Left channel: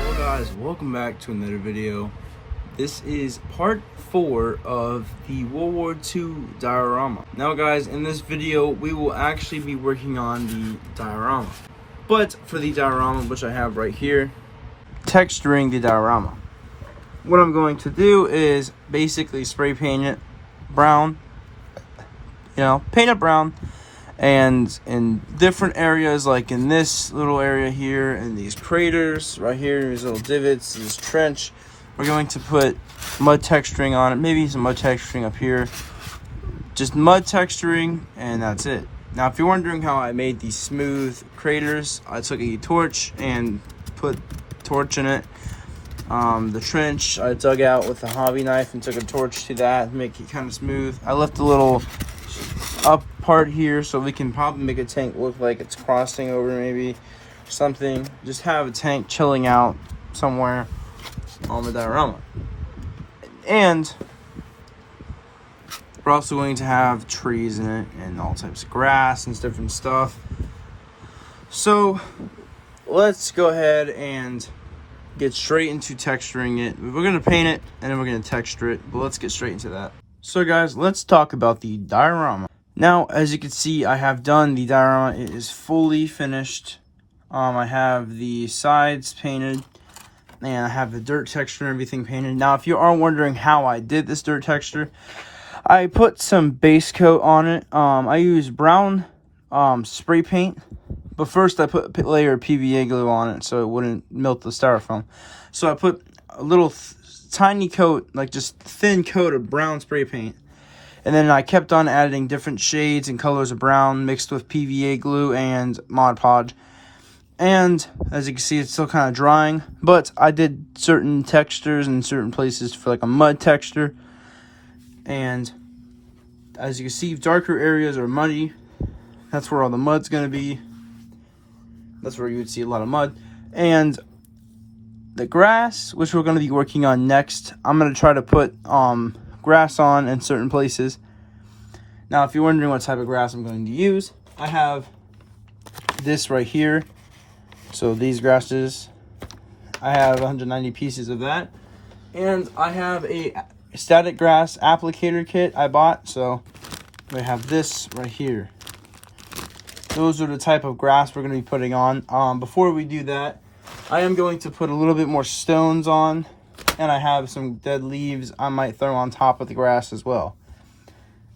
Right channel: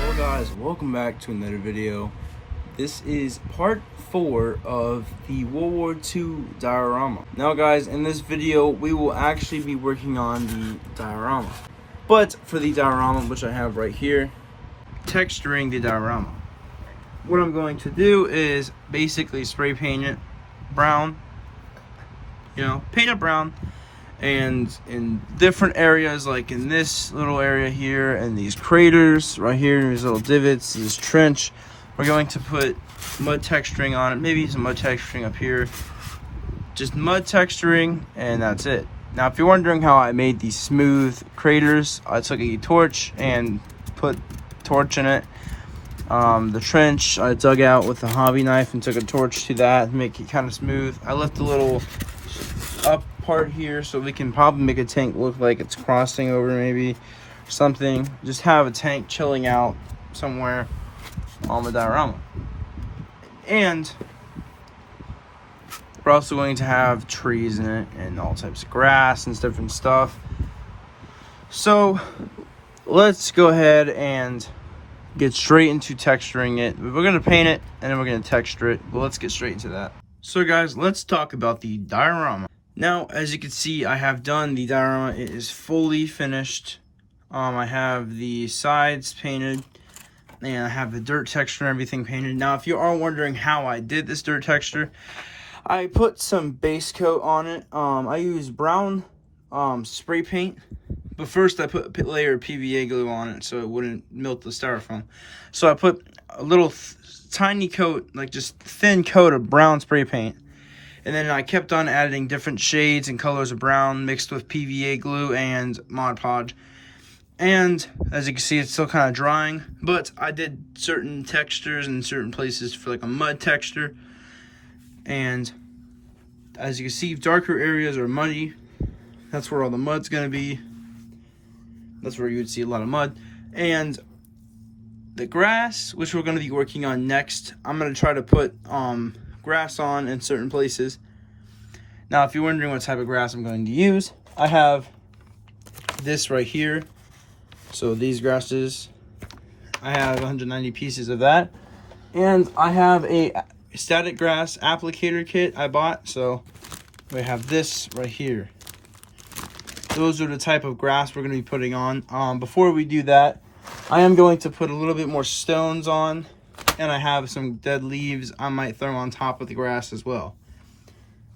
Well guys, welcome back to another video. This is part 4 of the World War II diorama. Now guys, in this video we will actually be working on the diorama. But for the diorama, which I have right here, texturing the diorama. What I'm going to do is basically spray paint it brown. Paint it brown. And in different areas, like in this little area here, and these craters right here, these little divots, this trench, we're going to put mud texturing on it. Maybe some mud texturing up here. Just mud texturing, and that's it. Now, if you're wondering how I made these smooth craters, I took a torch and put torch in it. The trench I dug out with a hobby knife and took a torch to that, make it kind of smooth. I left a little up part here so we can probably make a tank look like it's crossing over, maybe something. Just have a tank chilling out somewhere on the diorama. And we're also going to have trees in it and all types of grass and different stuff. So let's go ahead and get straight into texturing it. We're going to paint it and then we're going to texture it, but let's get straight into that. So guys, let's talk about the diorama. Now, as you can see, I have done the diorama. It is fully finished. I have the sides painted, and I have the dirt texture and everything painted. Now, if you are wondering how I did this dirt texture, I put some base coat on it. I used brown spray paint, but first I put a layer of PVA glue on it so it wouldn't melt the styrofoam. So I put a little tiny coat, like just thin coat of brown spray paint. And then I kept on adding different shades and colors of brown mixed with PVA glue and Mod Podge. And as you can see, it's still kind of drying, but I did certain textures in certain places for like a mud texture. And as you can see, darker areas are muddy. That's where all the mud's going to be. That's where you would see a lot of mud. And the grass, which we're going to be working on next, I'm going to try to put grass on in certain places. Now, if you're wondering what type of grass I'm going to use, I have this right here. So these grasses, I have 190 pieces of that. And I have a static grass applicator kit I bought. So we have this right here. Those are the type of grass we're going to be putting on. Before we do that, I am going to put a little bit more stones on. And I have some dead leaves I might throw on top of the grass as well.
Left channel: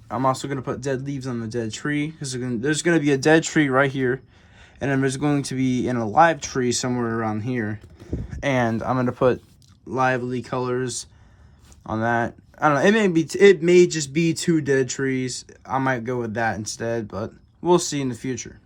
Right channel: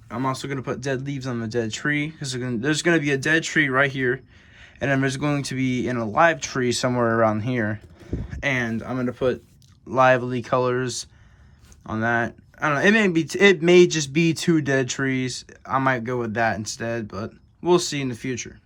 I'm also going to put dead leaves on the dead tree, because there's going to be a dead tree right here. And then there's going to be an alive tree somewhere around here. And I'm going to put lively colors on that. I don't know. It may just be 2 dead trees. I might go with that instead, but we'll see in the future.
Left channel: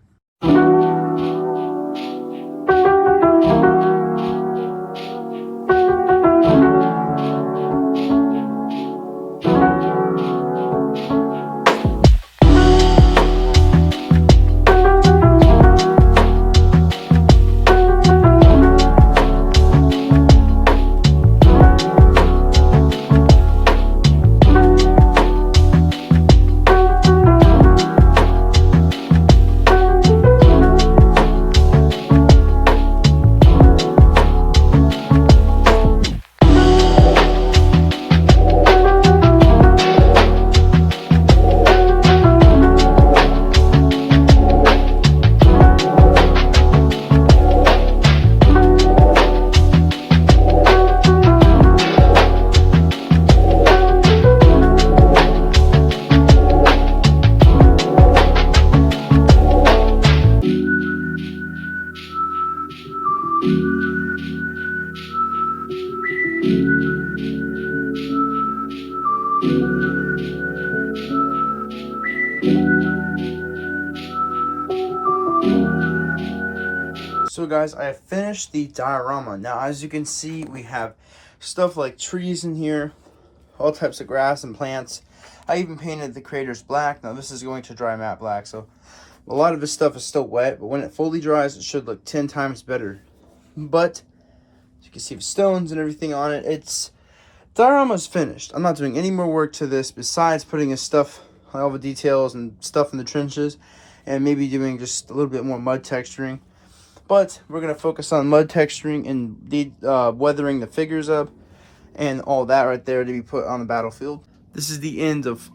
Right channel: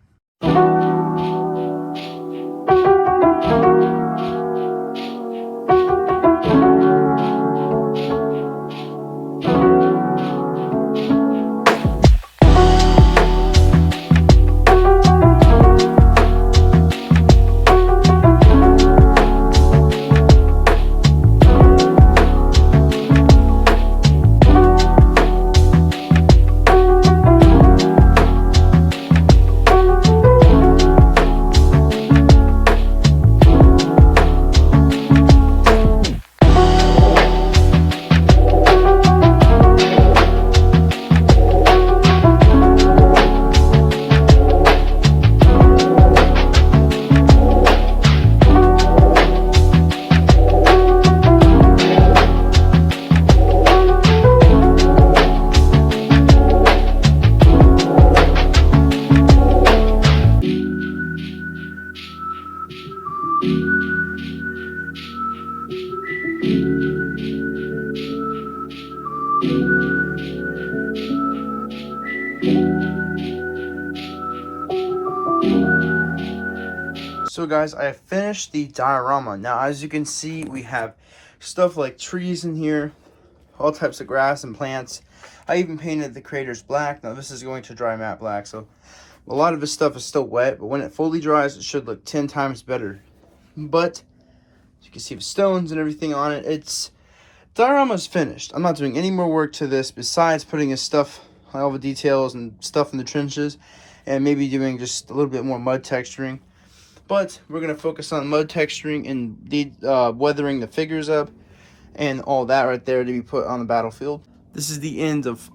So guys, I have finished the diorama. Now, as you can see, we have stuff like trees in here, all types of grass and plants. I even painted the craters black. Now, this is going to dry matte black, so a lot of this stuff is still wet, but when it fully dries, it should look 10 times better. But as you can see, the stones and everything on it, diorama's finished. I'm not doing any more work to this besides putting his stuff, all the details and stuff in the trenches, and maybe doing just a little bit more mud texturing. But we're going to focus on mud texturing and weathering the figures up and all that right there to be put on the battlefield. This is the end of,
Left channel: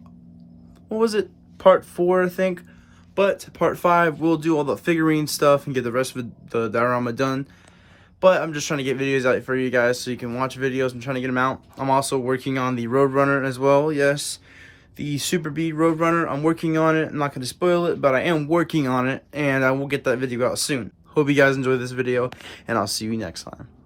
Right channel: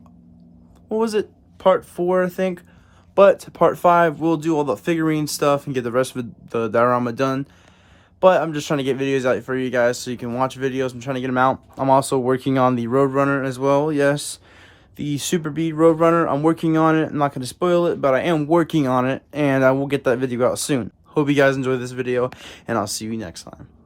what was it, part 4, I think. But part 5, we'll do all the figurine stuff and get the rest of the diorama done. But I'm just trying to get videos out for you guys so you can watch videos. I'm trying to get them out. I'm also working on the Roadrunner as well. Yes, the Super Bead Roadrunner. I'm working on it. I'm not going to spoil it, but I am working on it. And I will get that video out soon. Hope you guys enjoyed this video, and I'll see you next time.